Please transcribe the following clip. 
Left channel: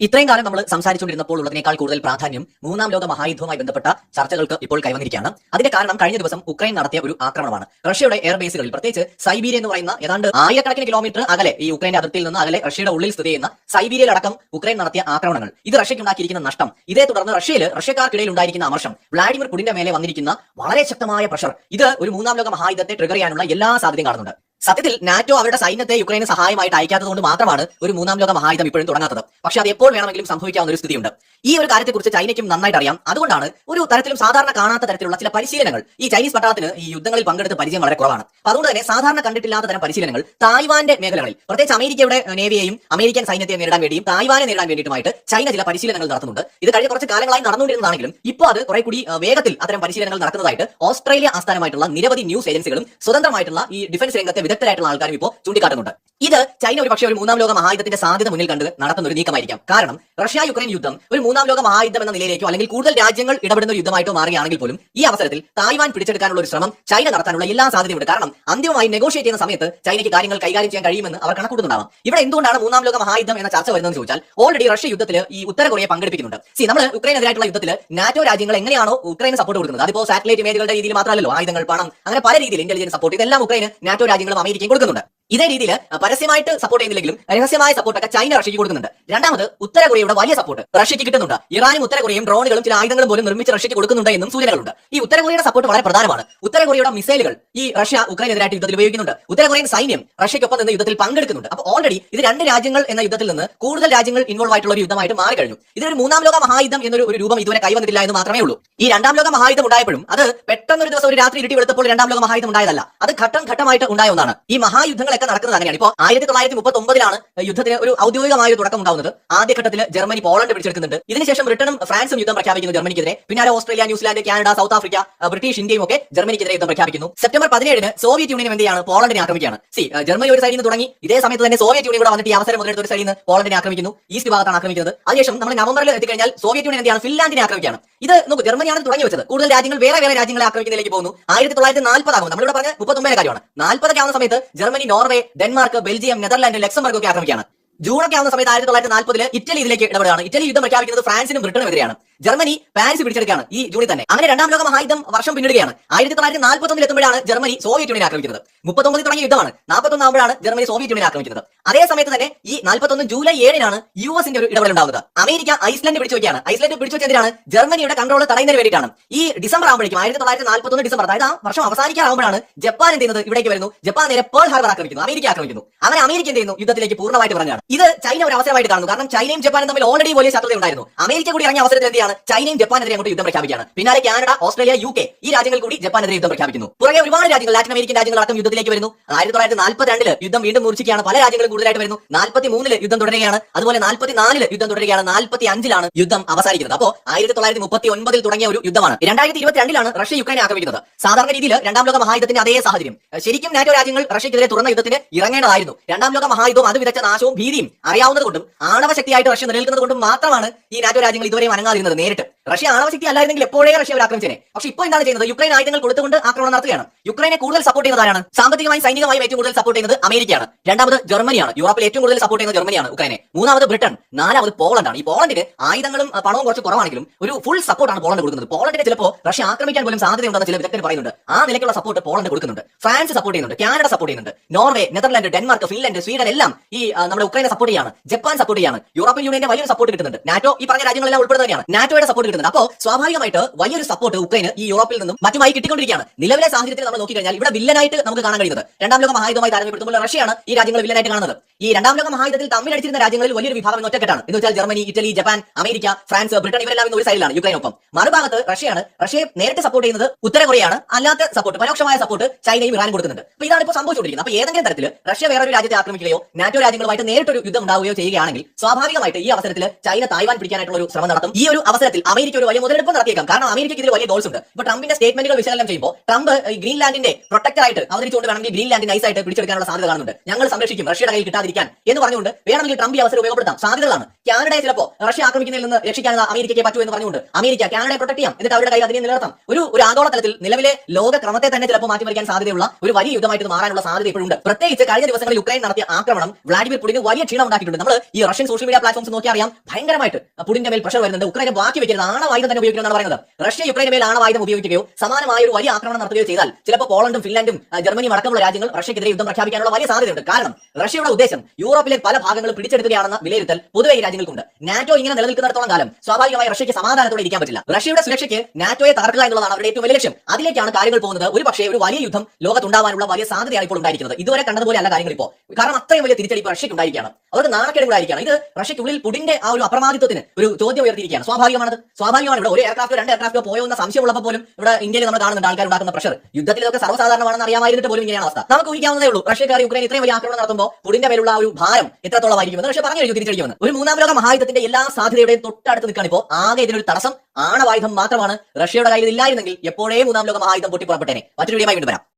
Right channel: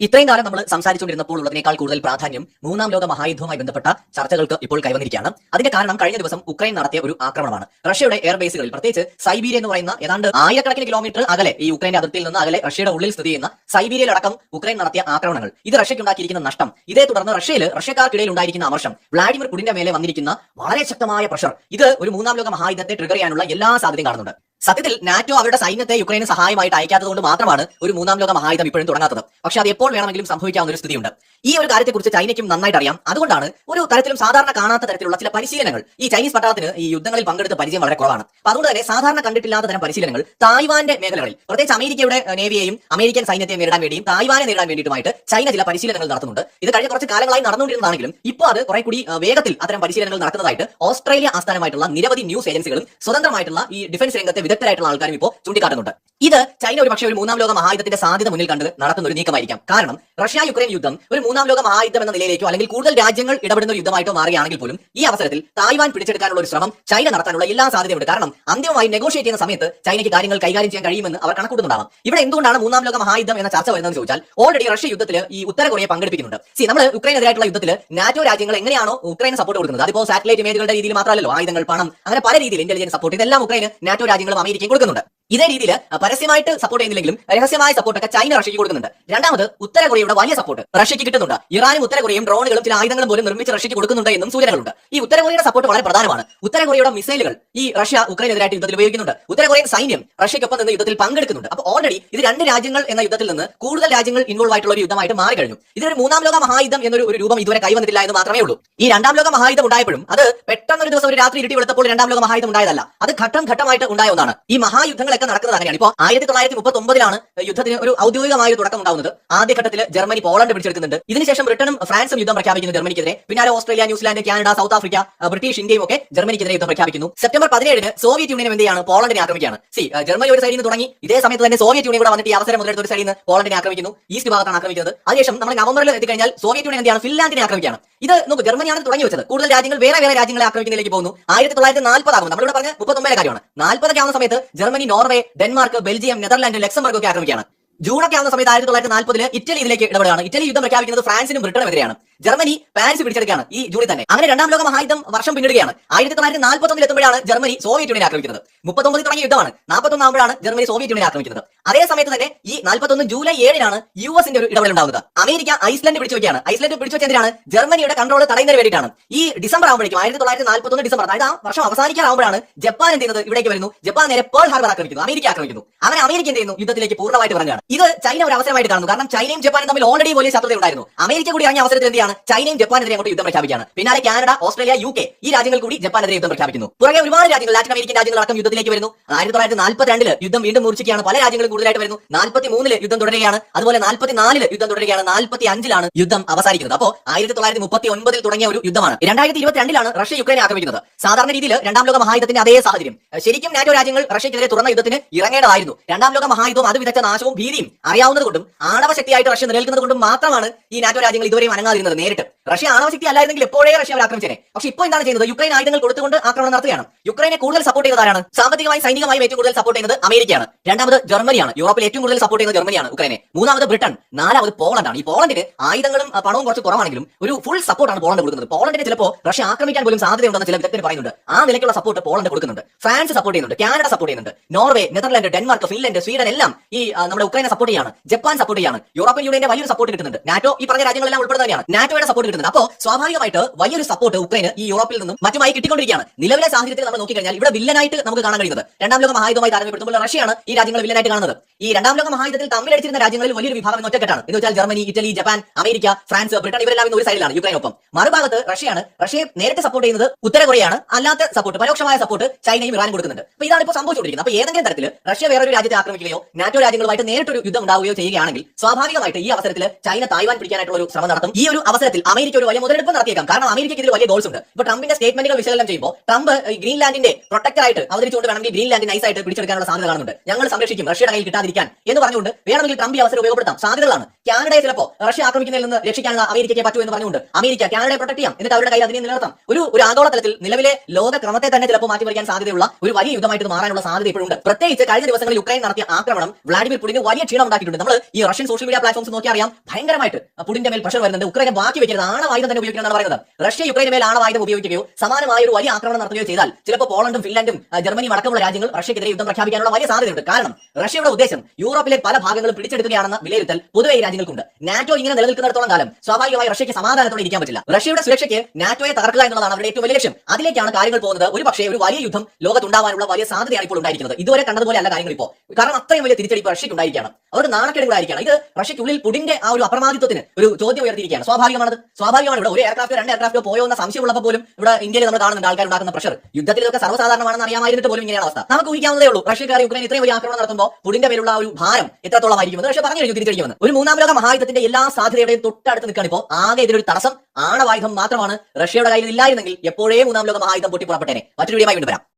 ഇത്രയും കാലം നമ്മൾ സംസാരിച്ചുകൊണ്ടിരുന്നപ്പോൾ ഉള്ളതിനേക്കാൾ കൂടുതൽ പ്രാധാന്യം മൂന്നാം ലോക മഹായുദ്ധവുമായി ബന്ധപ്പെട്ട ചർച്ചകൾക്ക് ഇപ്പോൾ കൈവന്നിരിക്കുകയാണ്. അതിന്റെ കാരണം കഴിഞ്ഞ ദിവസം ഉക്രൈൻ നടത്തിയ ഒരു ആക്രമണമാണ്. റഷ്യയുടെ എയർബേസുകളിൽ, പ്രത്യേകിച്ച് സൈബീരിയ എന്ന് പറയുന്ന ഏതാണ്ട് ആയിരക്കണക്കിന് കിലോമീറ്റർ അകലെ, ഈ യുക്രൈന്റെ അതിർത്തിയിൽ നിന്ന് അകലെ റഷ്യയുടെ ഉള്ളിൽ സ്ഥിതി ചെയ്യുന്ന സൈബീരിയയിലടക്കം ഉക്രൈൻ നടത്തിയ ആക്രമണങ്ങൾ, ഇത് റഷ്യയ്ക്കുണ്ടാക്കിയിരിക്കുന്ന നഷ്ടം, ഇതേ തുടർന്ന് റഷ്യക്കാർക്കിടയിൽ ഉണ്ടായിരിക്കുന്ന അമർഷം, വ്ളാഡിമിർ പുടിന്റെ മേലെ വന്നിരിക്കുന്ന വളരെ ശക്തമായ പ്രഷർ, ഇത് ഒരു മൂന്നാം ലോക മഹായുദ്ധത്തെ ട്രിഗർ ചെയ്യാനുള്ള എല്ലാ സാധ്യതയും കാണുന്നുണ്ട്. സത്യത്തിൽ നാറ്റോ അവരുടെ സൈന്യത്തെ യുക്രൈന് സഹായമായിട്ട് അയക്കാത്തതുകൊണ്ട് മാത്രമാണ് ഒരു മൂന്നാം ലോക മഹായുദ്ധം ഇപ്പോഴും തുടങ്ങാത്തത്. പക്ഷെ അത് എപ്പോൾ വേണമെങ്കിലും സംഭവിക്കാവുന്ന ഒരു സ്ഥിതിയുണ്ട്. ഈ ഒരു കാര്യത്തെക്കുറിച്ച് ചൈനയ്ക്കും നന്നായിട്ട് അറിയാം. അതുകൊണ്ടാണ് ഒരു തരത്തിലും സാധാരണ കാണാത്ത തരത്തിലുള്ള ചില പരിശീലനങ്ങൾ, ഈ ചൈനീസ് പട്ടാളത്തിന് ഈ യുദ്ധങ്ങളിൽ പങ്കെടുത്ത പരിചയം വളരെ കുറവാണ്. അപ്പൊ അതുകൊണ്ട് തന്നെ സാധാരണ കണ്ടിട്ടില്ലാത്ത തരം പരിശീലനങ്ങൾ തായ്വാന്റെ മേഖലകളിൽ, പ്രത്യേകിച്ച് അമേരിക്കയുടെ നേവിയെയും അമേരിക്കൻ സൈന്യത്തെ നേരിടാൻ വേണ്ടിയും തായ്വാനെ നേരിടാൻ വേണ്ടിയിട്ടുമായിട്ട് ചൈന ചില പരിശീലനങ്ങൾ നടത്തുന്നുണ്ട്. ഇത് കഴിഞ്ഞ കുറച്ച് കാലങ്ങളായി നടന്നുകൊണ്ടിരുന്നതാണെങ്കിലും ഇപ്പോൾ അത് കുറെ കൂടി വേഗത്തിൽ അത്തരം പരിശീലനങ്ങൾ നടക്കുന്നതായിട്ട് ഓസ്ട്രേലിയ ആസ്ഥാനമായിട്ടുള്ള നിരവധി ന്യൂസ് ഏജൻസികളും സ്വതന്ത്രമായിട്ടുള്ള ഈ ഡിഫൻസ് രംഗത്തെ വിദഗ്ധരായിട്ടുള്ള ആൾക്കാരും ഇപ്പോൾ ചൂണ്ടിക്കാട്ടുന്നുണ്ട്. ഇത് ചൈന ഒരു പക്ഷേ ഒരു മൂന്നാം ലോക മഹായുദ്ധത്തിന്റെ സാധ്യത മുന്നിൽ കണ്ട് നടത്തുന്ന ഒരു നീക്കമായിരിക്കാം. കാരണം റഷ്യ യുക്രൈൻ യുദ്ധം ഒരു മൂന്നാം ലോക മഹായുദ്ധം എന്ന നിലയിലേക്കോ അല്ലെങ്കിൽ കൂടുതൽ രാജ്യങ്ങൾ ഇടപെടുന്ന ഒരു യുദ്ധമായിട്ടോ മാറുകയാണെങ്കിൽ പോലും ഈ അവസരത്തിൽ തായ്വാൻ പിടിച്ചെടുക്കാനുള്ള ഒരു ശ്രമം ചൈന നടത്താനുള്ള എല്ലാ സാധ്യതയുണ്ട്. കാരണം അന്തിമമായി നെഗോഷിയേറ്റ് ചെയ്യുന്ന സമയത്ത് ചൈനയ്ക്ക് കാര്യങ്ങൾ കൈകാര്യം ചെയ്യാൻ കഴിയുമെന്ന് അവർ കണക്കൂട്ടുന്നുണ്ടാവാം. ഇവിടെ എന്തുകൊണ്ടാണ് മൂന്നാം ലോക മഹായുദ്ധം എന്ന ചർച്ച വരുന്നതെന്ന് ചോദിച്ചാൽ, ഓൾറെഡി റഷ്യ യുദ്ധത്തിൽ ഈ ഉത്തര കൊറിയയെ പങ്കെടുപ്പിക്കുന്നുണ്ട്. നമ്മൾ ഉക്രൈനെതിരായിട്ടുള്ള യുദ്ധത്തിൽ നാറ്റോ രാജ്യങ്ങൾ എങ്ങനെയാണോ ഉക്രൈന് സപ്പോർട്ട് കൊടുക്കുന്നത്, അതിപ്പോൾ സാറ്റലൈറ്റ് ഇമേജുകളുടെ രീതിയിൽ മാത്രമല്ലോ, ആയുധങ്ങൾ, പണം, അങ്ങനെ പല രീതിയിൽ ഇന്റലിജൻസ് സപ്പോർട്ട്, ഇതെല്ലാം ഉക്രൈന് നാറ്റോ രാജ്യങ്ങളും അമേരിക്കയും കൊടുക്കുന്നുണ്ട്. ഇതേ രീതിയിൽ പരസ്യമായിട്ട് സപ്പോർട്ട് ചെയ്യുന്നില്ലെങ്കിലും രഹസ്യമായ സപ്പോർട്ടൊക്കെ ചൈന റഷ്യക്ക് കൊടുക്കുന്നുണ്ട്. രണ്ടാമത് ഉത്തര കൊറിയയുടെ വലിയ സപ്പോർട്ട് റഷ്യക്ക് കിട്ടുന്നുണ്ട്. ഇറാനും ഉത്തര കൊറിയയും ഡ്രോണുകളും ചില ആയുധങ്ങളും പോലും നിർമ്മിച്ച് റഷ്യക്ക് കൊടുക്കുന്നുണ്ട് എന്നും സൂചനകളുണ്ട്. ഈ ഉത്തര കൊറിയയുടെ സപ്പോർട്ട് വളരെ പ്രധാനമാണ്. ഉത്തര കൊറിയയുടെ മിസൈലുകൾ ഈ റഷ്യ ഉക്രൈനെതിരായിട്ട് യുദ്ധത്തിൽ ഉപയോഗിക്കുന്നുണ്ട്. ഉത്തര കൊറിയൻ സൈന്യം റഷ്യക്കൊപ്പം നിന്ന് യുദ്ധത്തിൽ പങ്കെടുക്കുന്നുണ്ട്. അപ്പോൾ ഓൾറെഡി ഇത് രണ്ട് രാജ്യങ്ങൾ എന്ന യുദ്ധത്തിൽ നിന്ന് കൂടുതൽ രാജ്യങ്ങൾ ഇൻവോൾവ് ആയിട്ടുള്ള ഒരു യുദ്ധമായിട്ട് മാറി കഴിഞ്ഞു. ഇതിനൊരു മൂന്നാം ലോക മഹായുദ്ധം എന്നൊരു രൂപം ഇതുവരെ കൈവന്നിട്ടില്ല എന്ന് മാത്രമേ ഉള്ളൂ. ഈ രണ്ടാം ലോക മഹായുദ്ധം ഉണ്ടായപ്പോഴും അത് പെട്ടെന്നൊരു ദിവസം ഒരു രാത്രി ഇരുട്ടി വെളുത്തപ്പോൾ രണ്ടാം ലോക മഹായുദ്ധം ഉണ്ടായതല്ല. അത് ഘട്ടം ഘട്ടമായിട്ട് ഉണ്ടായ ഒന്നാണ്. ഈ മഹായുദ്ധങ്ങളൊക്കെ നടക്കുന്നത് അങ്ങനെയാണ്. ഇപ്പോൾ 1939 യുദ്ധത്തിന് ഒരു ഔദ്യോഗികമായ ഒരു തുടക്കം ഉണ്ടാവുന്നത്. ആദ്യഘട്ടത്തിൽ ജർമ്മനി പോളണ്ട് പിടിച്ചെടുക്കുന്നുണ്ട്. ഇതിനുശേഷം ബ്രിട്ടനും ഫ്രാൻസും യുദ്ധം പ്രഖ്യാപിക്കുന്നു ജർമ്മനിക്കെതിരെ. പിന്നാലെ Australia, New Zealand, Canada, South Africa, British ഇന്ത്യയും ഒക്കെ ജർമ്മനിക്കെതിരെ യുദ്ധം പ്രഖ്യാപിക്കുന്നു. സെപ്റ്റംബർ 17 സോവിയറ്റ് യൂണിയൻ എന്തെയാണ്, പോളണ്ടിനെ ആക്രമിക്കുകയാണ്. ജർമ്മനി ഒരു സൈഡിൽ നിന്ന് തുടങ്ങി, ഇതേ സമയത്ത് തന്നെ സോവിയറ്റ് യൂണിയൻ കൂടെ വന്നിട്ട് ഈ അവസരം മുതലെടുത്ത ഒരു സൈഡിൽ നിന്ന് പോളണ്ടിനെ ആക്രമിക്കുന്നു. ഈസ്റ്റ് ഭാഗത്താണ് ആക്രമിക്കുന്നത്. അതിനുശേഷം നമ്മൾ നവംബറിൽ എത്തിക്കഴിഞ്ഞാൽ സോവിയറ്റ് യൂണിയൻ എന്തെയാണ്, ഫിൻലാൻഡിനെ ആക്രമിക്കുകയാണ്. ഇത് നോക്കൂ, ജർമ്മനിയാണ് തുടങ്ങി വെച്ചത്. കൂടുതൽ രാജ്യങ്ങൾ വേറെ രാജ്യങ്ങളെ ആക്രമിക്കുന്നതിലേക്ക് പോകുന്നു. 1940 ആകും. നമ്മളിവിടെ പറഞ്ഞ 39 കാര്യമാണ്. 40 ആവുന്ന സമയത്ത് Germany, Norway, Denmark, Belgium, Netherland, Luxembourg ഒക്കെ ആക്രമിക്കുകയാണ്. ജൂണൊക്കെ ആവുന്ന സമയത്ത് 1940 ഇറ്റലി ഇതിലേക്ക് ഇടപെടുകയാണ്. ഇറ്റലി യുദ്ധം പ്രഖ്യാപിക്കുന്നത് ഫ്രാൻസിനും ബ്രിട്ടനും എതിരെയാണ്. ജർമ്മനി പാരീസ് പിടിച്ചെടുക്കുകയാണ് ഈ ജൂണിൽ തന്നെ. അങ്ങനെ രണ്ടാം ലോക മഹായുദ്ധം വർഷം പിന്നിടുകയാണ്. 1941 എത്തുമ്പോഴാണ് ജർമ്മനി സോവിയറ്റ് യൂണിയൻ ആക്രമിക്കുന്നത്. 39 തുടങ്ങിയ യുദ്ധമാണ്. 41 ആകുമ്പോഴാണ് ജർമ്മനി സോവിയറ്റ് യൂണിയൻ ആക്രമിക്കുന്നത്. അതേ സമയത്ത് തന്നെ ഈ 41 ജൂലൈ 7 യുഎസിന്റെ ഒരു ഇടപെടൽ ഉണ്ടാവുന്നത്. അമേരിക്ക ഐസ്ലൻഡ് പിടിച്ചുവെക്കുകയാണ്. ഐസ്ലൻഡ് പിടിച്ചുവെച്ചതിനാണ് ജർമ്മനിയുടെ കൺട്രോൾ തടയുന്നതിന് വേണ്ടിയിട്ടാണ്. ഈ ഡിസംബർ ആകുമ്പോഴേക്കും 1941 ഡിസംബർ, അതായത് ആ വർഷം അവസാനിക്കാറാകുമ്പോഴാണ് ജപ്പാൻ എന്ത് ചെയ്യുന്നത്, ഇവിടേക്ക് വരുന്നു. ജപ്പാൻ നേരെ പേൾ ഹാർബർ ആക്രമിക്കുന്നു, അമേരിക്ക ആക്രമിക്കുന്നു. അങ്ങനെ അമേരിക്ക എന്ത് ചെയ്യുന്നു, യുദ്ധത്തിലേക്ക് പൂർണ്ണമായിട്ട് ഇറങ്ങുകയാണ്. ഇത് ചൈന ഒരു അവസരമായിട്ട് കാണുന്നു. കാരണം ചൈനയും ജപ്പാനും തമ്മിൽ ഓൾറെഡി വലിയ ശത്രുത ഉണ്ടായിരുന്നു. അമേരിക്ക കൂടി ഇറങ്ങിയ അവസരത്തിൽ എന്താണ്, ചൈനയും ജപ്പാനെതിരെ അങ്ങോട്ട് യുദ്ധം പ്രഖ്യാപിക്കുകയാണ്. പിന്നാലെ കാനഡ, ഓസ്ട്രേലിയ, UK ഈ രാജ്യങ്ങൾ കൂടി ജപ്പാനെതിരെ യുദ്ധം പ്രഖ്യാപിക്കുന്നു. പുറകെ ഒരുപാട് രാജ്യങ്ങൾ, ലാറ്റിൻ അമേരിക്കൻ രാജ്യങ്ങൾ അടക്കം യുദ്ധത്തിലേക്ക് വരുന്നു. 1942 യുദ്ധം വീണ്ടും മൂർച്ഛിക്കുകയാണ്. പല രാജ്യങ്ങളും കൂടുതലായിട്ട് വരുന്നു. 43 യുദ്ധം തുടരുകയാണ്. അതുപോലെ 44 യുദ്ധം തുടരുകയാണ്. 45 യുദ്ധം അവസാനിക്കുന്നത്. അപ്പോൾ 1939 തുടങ്ങിയ ഒരു യുദ്ധമാണ്. 2022 റഷ്യ യുക്രൈനെ ആക്രമിക്കുന്നത്. സാധാരണ രീതിയിൽ രണ്ടാം ലോക മഹായുദ്ധത്തിന്റെ അതേ സാഹചര്യം. ശരിക്കും നാറ്റോ രാജ്യങ്ങൾ റഷ്യക്കെതിരെ തുറന്ന യുദ്ധത്തിന് ഇറങ്ങേണ്ടതായിരുന്നു. രണ്ടാം ലോക മഹായുദ്ധവും അത് വിതച്ച നാശവും ഭീതിയും അറിയാവുന്നതുകൊണ്ടും ആണവശക്തിയായിട്ട് റഷ്യ നിലനിൽക്കുന്നത് കൊണ്ടും മാത്രമാണ് ഈ നാറ്റോ രാജ്യങ്ങൾ ഇതുവരെയും അനങ്ങാതിരുന്നത്. നേരിട്ട് റഷ്യ ആണവശക്തി അല്ലായിരുന്നെങ്കിൽ എപ്പോഴേ റഷ്യ അവർ ആക്രമിച്ചേനെ. പക്ഷെ ഇപ്പോൾ എന്താണ് ചെയ്യുന്നത്, യുക്രൈൻ ആയുധങ്ങൾ കൊടുത്തുകൊണ്ട് ആക്രമണം നടത്തുകയാണ്. യുക്രൈനെ കൂടുതൽ സപ്പോർട്ട് ചെയ്യുന്നത് ആരാണ്, സാമ്പത്തികമായി സൈനികമായും ഏറ്റവും കൂടുതൽ സപ്പോർട്ട് ചെയ്യുന്നത് അമേരിക്കയാണ്. രണ്ടാമത് ജർമ്മനിയാണ്. യൂറോപ്പിൽ ഏറ്റവും കൂടുതൽ സപ്പോർട്ട് ചെയ്യുന്നത് ജർമ്മനിയാണ് ഉക്രൈനെ. മൂന്നാമത് ബ്രിട്ടൻ, നാലാമത് പോളണ്ടാണ്. ഈ പോളണ്ടിന് ആയുധങ്ങളും പണവും കുറച്ച് കുറവാണെങ്കിലും ഒരു ഫുൾ സപ്പോർട്ടാണ് പോളണ്ട് കൊടുക്കുന്നത്. പോളണ്ടിനെ ചിലപ്പോൾ റഷ്യ ആക്രമിക്കാൻ പോലും സാധ്യതയുണ്ടെന്ന് ചില വിദഗ്ധർ പറയുന്നുണ്ട്. ആ നിലയ്ക്കുള്ള സപ്പോർട്ട് പോളണ്ട് കൊടുക്കുന്നുണ്ട്. ഫ്രാൻസ് സപ്പോർട്ട് ചെയ്യുന്നുണ്ട്, കാനഡ സപ്പോർട്ട് ചെയ്യുന്നുണ്ട്, Norway, Netherland, Denmark, Finland, Sweden എല്ലാം ഈ നമ്മുടെ ഉക്രൈനെ സപ്പോർട്ട് ചെയ്യാണ്. ജപ്പാൻ സപ്പോർട്ട് ചെയ്യാണ്. യൂറോപ്യൻ യൂണിയന്റെ വലിയൊരു സപ്പോർട്ട് കിട്ടുന്നുണ്ട്. നാറ്റോ ഈ പറഞ്ഞ രാജ്യങ്ങളെല്ലാം ഉൾപ്പെടുന്നത് തന്നെയാണ്. നാറ്റോയുടെ സപ്പോർട്ട് കിട്ടുന്നുണ്ട്. അപ്പോൾ സ്വാഭാവികമായിട്ട് വലിയൊരു സപ്പോർട്ട് ഉക്രൈന് ഈ യൂറോപ്പിൽ നിന്നും മറ്റുമായി കിട്ടിക്കൊണ്ടിരിക്കുകയാണ്. നിലവിലെ സാഹചര്യത്തിൽ നമ്മൾ നോക്കിക്കഴിഞ്ഞാൽ ഇവിടെ വില്ലനായിട്ട് നമുക്ക് കാണാൻ കഴിയുന്നത്, രണ്ടാം ലോക മഹായുദ്ധമായി താരതമ്യപ്പെടുത്തുമ്പോൾ റഷ്യയാണ് ഈ രാജ്യങ്ങൾ വില്ലനായിട്ട് കാണുന്നത്. ഈ രണ്ടാം ലോക മഹായുദ്ധത്തിൽ തമ്മിലടിച്ചിരുന്ന രാജ്യങ്ങളിൽ വലിയൊരു വിഭാഗം എന്ന് ഒറ്റക്കെട്ടാണ്. എന്ന് വെച്ചാൽ Germany, Italy, Japan, America, France, Britain ഇവരെല്ലാം ഇന്ന് ഒരു സൈഡിലാണ് യുക്രൈനൊപ്പം. മറുഭാഗത്ത് റഷ്യയാണ്. റഷ്യയെ നേരിട്ട് സപ്പോർട്ട് ചെയ്യുന്നത് ഉത്തര കൊറിയയാണ്. അല്ലാത്ത സപ്പോർട്ട്, പരോക്ഷമായ സപ്പോർട്ട് ചൈനയും ഇറാനും കൊടുക്കുന്നുണ്ട്. അപ്പോൾ ഇതാണ് ഇപ്പോൾ സംഭവിച്ചുകൊണ്ടിരിക്കുന്നത്. അപ്പോൾ ഏതെങ്കിലും തരത്തിൽ റഷ്യ വേറൊരു രാജ്യത്തെ ആക്രമിക്കുകയോ നാറ്റോ രാജ്യങ്ങളുമായിട്ട് നേരിട്ടൊരു യുദ്ധം ഉണ്ടാവുകയോ ചെയ്യുകയാണെങ്കിൽ സ്വാഭാവികമായിട്ട് ഈ അവസരത്തിൽ ചൈന തായ്വാൻ പിടിക്കാനായിട്ടുള്ള ഒരു ശ്രമം നടത്തും. ഈ ഒരു അവസരത്തിൽ അമേരിക്ക ഒരു വലിയ മുതലെടുപ്പ് നടത്തിയേക്കാം. കാരണം അമേരിക്കയ്ക്ക് ഇതിൽ വലിയ ഗോൾസ് ഉണ്ട്. ഇപ്പൊ ട്രംപിന്റെ സ്റ്റേറ്റ്മെന്റുകൾ വിശകലനം ചെയ്യുമ്പോൾ ട്രംപ് ഗ്രീൻലാൻഡിന്റെ പ്രൊട്ടക്ടറായിട്ട് അവതരിച്ചുകൊണ്ട് വേണമെങ്കിൽ ഗ്രീൻലാൻഡ് നൈസായിട്ട് പിടിച്ചെടുക്കാനുള്ള സാധ്യത കാണുന്നുണ്ട്. ഞങ്ങൾ സംരക്ഷിക്കും, റഷ്യയുടെ കയ്യിൽ കിട്ടാതിരിക്കാൻ എന്ന് പറഞ്ഞുകൊണ്ട് വേണമെങ്കിൽ ട്രംപ് ഈ അവസരം ഉപയോഗപ്പെടുത്താം. സാധ്യതകളാണ്. കാനഡയെ ചിലപ്പോൾ റഷ്യ ആക്രമിക്കുന്നതിൽ നിന്ന് രക്ഷിക്കാനുള്ള അമേരിക്കയ്ക്ക് പറ്റൂ എന്ന് പറഞ്ഞുകൊണ്ട് അമേരിക്ക കാനഡയെ പ്രൊട്ടക്ട് ചെയ്യാം, എന്നിട്ട് അവരുടെ കയ്യിൽ അതിനെ നിലനിർത്താം. ഒരു ആഗോളതലത്തിൽ നിലവിലെ ലോകക്രമത്തെ തന്നെ ചിലപ്പോൾ മാറ്റിമറിക്കാൻ സാധ്യതയുള്ള ഒരു വലിയ യുദ്ധമായിട്ട് മാറാനുള്ള സാധ്യത ഇപ്പോഴുണ്ട്. പ്രത്യേകിച്ച് കഴിഞ്ഞ ദിവസങ്ങളിൽ യുക്രൈൻ നടത്തിയ ആക്രമണം വ്ളാഡിമിർ പുടിന് വലിയ ക്ഷീണം ഉണ്ടാക്കിയിട്ടുണ്ട്. നമ്മൾ ഈ റഷ്യൻ സോഷ്യൽ മീഡിയ പ്ലാറ്റ്ഫോംസ് നോക്കി അറിയാം, ഭയങ്കരമായിട്ട് പുടിന്റെ മേൽ പ്രഷർ വരുന്നുണ്ട്. ഉക്രൈനെ ബാക്കി വെക്കരുത്, ആണവായുധം തന്നെ ഉപയോഗിക്കണമെന്നാണ് പറയുന്നത്. റഷ്യ യുക്രൈന് മേൽ ആണവായുധം ഉപയോഗിക്കുകയോ സമാനമായ ഒരു വലിയ ആക്രമണം നടത്തുകയോ ചെയ്താൽ ചിലപ്പോൾ പോളണ്ടും ഫിൻലാൻഡും ജർമ്മനിയും അടക്കമുള്ള രാജ്യങ്ങൾ റഷ്യക്കെതിരെ യുദ്ധം പ്രഖ്യാപിക്കാനുള്ള വലിയ സാധ്യതയുണ്ട്. കാരണം റഷ്യയുടെ ഉദ്ദേശം യൂറോപ്പിലെ പല ഭാഗങ്ങളും പിടിച്ചെടുക്കുകയാണെന്ന വിലയിരുത്തൽ പൊതുവെ ഈ രാജ്യങ്ങൾക്കുണ്ട്. നാറ്റോ ഇങ്ങനെ നിലനിൽക്കുന്നിടത്തോളം കാലം സ്വാഭാവികമായി റഷ്യയ്ക്ക് സമാധാനത്തോടെ ഇരിക്കാൻ പറ്റില്ല. റഷ്യയുടെ സുരക്ഷയ്ക്ക് നാറ്റോയെ തകർക്കുക എന്നുള്ളതാണ് അവരുടെ ഏറ്റവും വലിയ ലക്ഷ്യം. അതിലേക്കാണ് കാര്യങ്ങൾ പോകുന്നത്. ഒരു പക്ഷേ ഒരു വലിയ യുദ്ധം ലോകത്തുണ്ടാവാനുള്ള വലിയ സാധ്യതയാണ് ഇപ്പോൾ ഉണ്ടായിരിക്കുന്നത്. ഇതുവരെ കണ്ടതുപോലെ അല്ല കാര്യങ്ങൾ ഇപ്പോൾ. കാരണം അത്രയും വലിയ തിരിച്ചടി റഷ്യയ്ക്ക് ഉണ്ടായിരിക്കുകയാണ്. അവർക്ക് നാണക്കേട് കൂടായിരിക്കുകയാണ്. ഇത് റഷ്യയ്ക്കുള്ളിൽ പുടിന്റെ ആ ഒരു അപ്രമാദിത്വത്തിന് ഒരു ചോദ്യം ഉയർത്തിയിരിക്കുകയാണ്. സ്വാഭാവികമാണ്. ഇവിടെ ഒരു എയർക്രാഫ്റ്റോ 2 എയർക്രാഫ്റ്റോ പോയോ എന്ന സംശയമുള്ളപ്പോൾ പോലും ഇവിടെ ഇന്ത്യയിൽ നമ്മൾ കാണുന്നുണ്ട് ആൾക്കാർ ഉണ്ടാക്കുന്ന പ്രഷർ. യുദ്ധത്തിൽ ഇതൊക്കെ സർവ്വസാധാരണമാണെന്ന് അറിയാമായിരുന്നിട്ട് പോലും ഇങ്ങനെയാണ് അവസ്ഥ. നമുക്ക് ഊഹിക്കാവുന്നതേ ഉള്ളൂ റഷ്യക്കാർ യുക്രൈൻ ഇത്രയും വലിയ ആക്രമണം നടത്തുമ്പോൾ പുടിന്റെ പേരുള്ള ഒരു ഭാരം എത്രത്തോളമായിരിക്കുമെന്ന് റഷ്യ പറഞ്ഞു കഴിഞ്ഞു തിരിച്ചടിക്കുമെന്ന്. ഒരു മൂന്നാം ലോക മഹായുദ്ധത്തിന്റെ എല്ലാ സാധ്യതയുടെയും തൊട്ടടുത്ത് നിൽക്കുകയാണ് ഇപ്പോൾ. ആകെ ഇതിനൊരു തടസ്സം ആണവായുധം മാത്രമാണ്. റഷ്യയുടെ കയ്യിൽ ഇല്ലായിരുന്നെങ്കിൽ എപ്പോഴേ മൂന്നാം ലോക മഹായുദ്ധം പൊട്ടിപ്പുറപ്പെട്ടേനെ. മറ്റൊരു വീഡിയോയുമായി വീണ്ടും വരാം.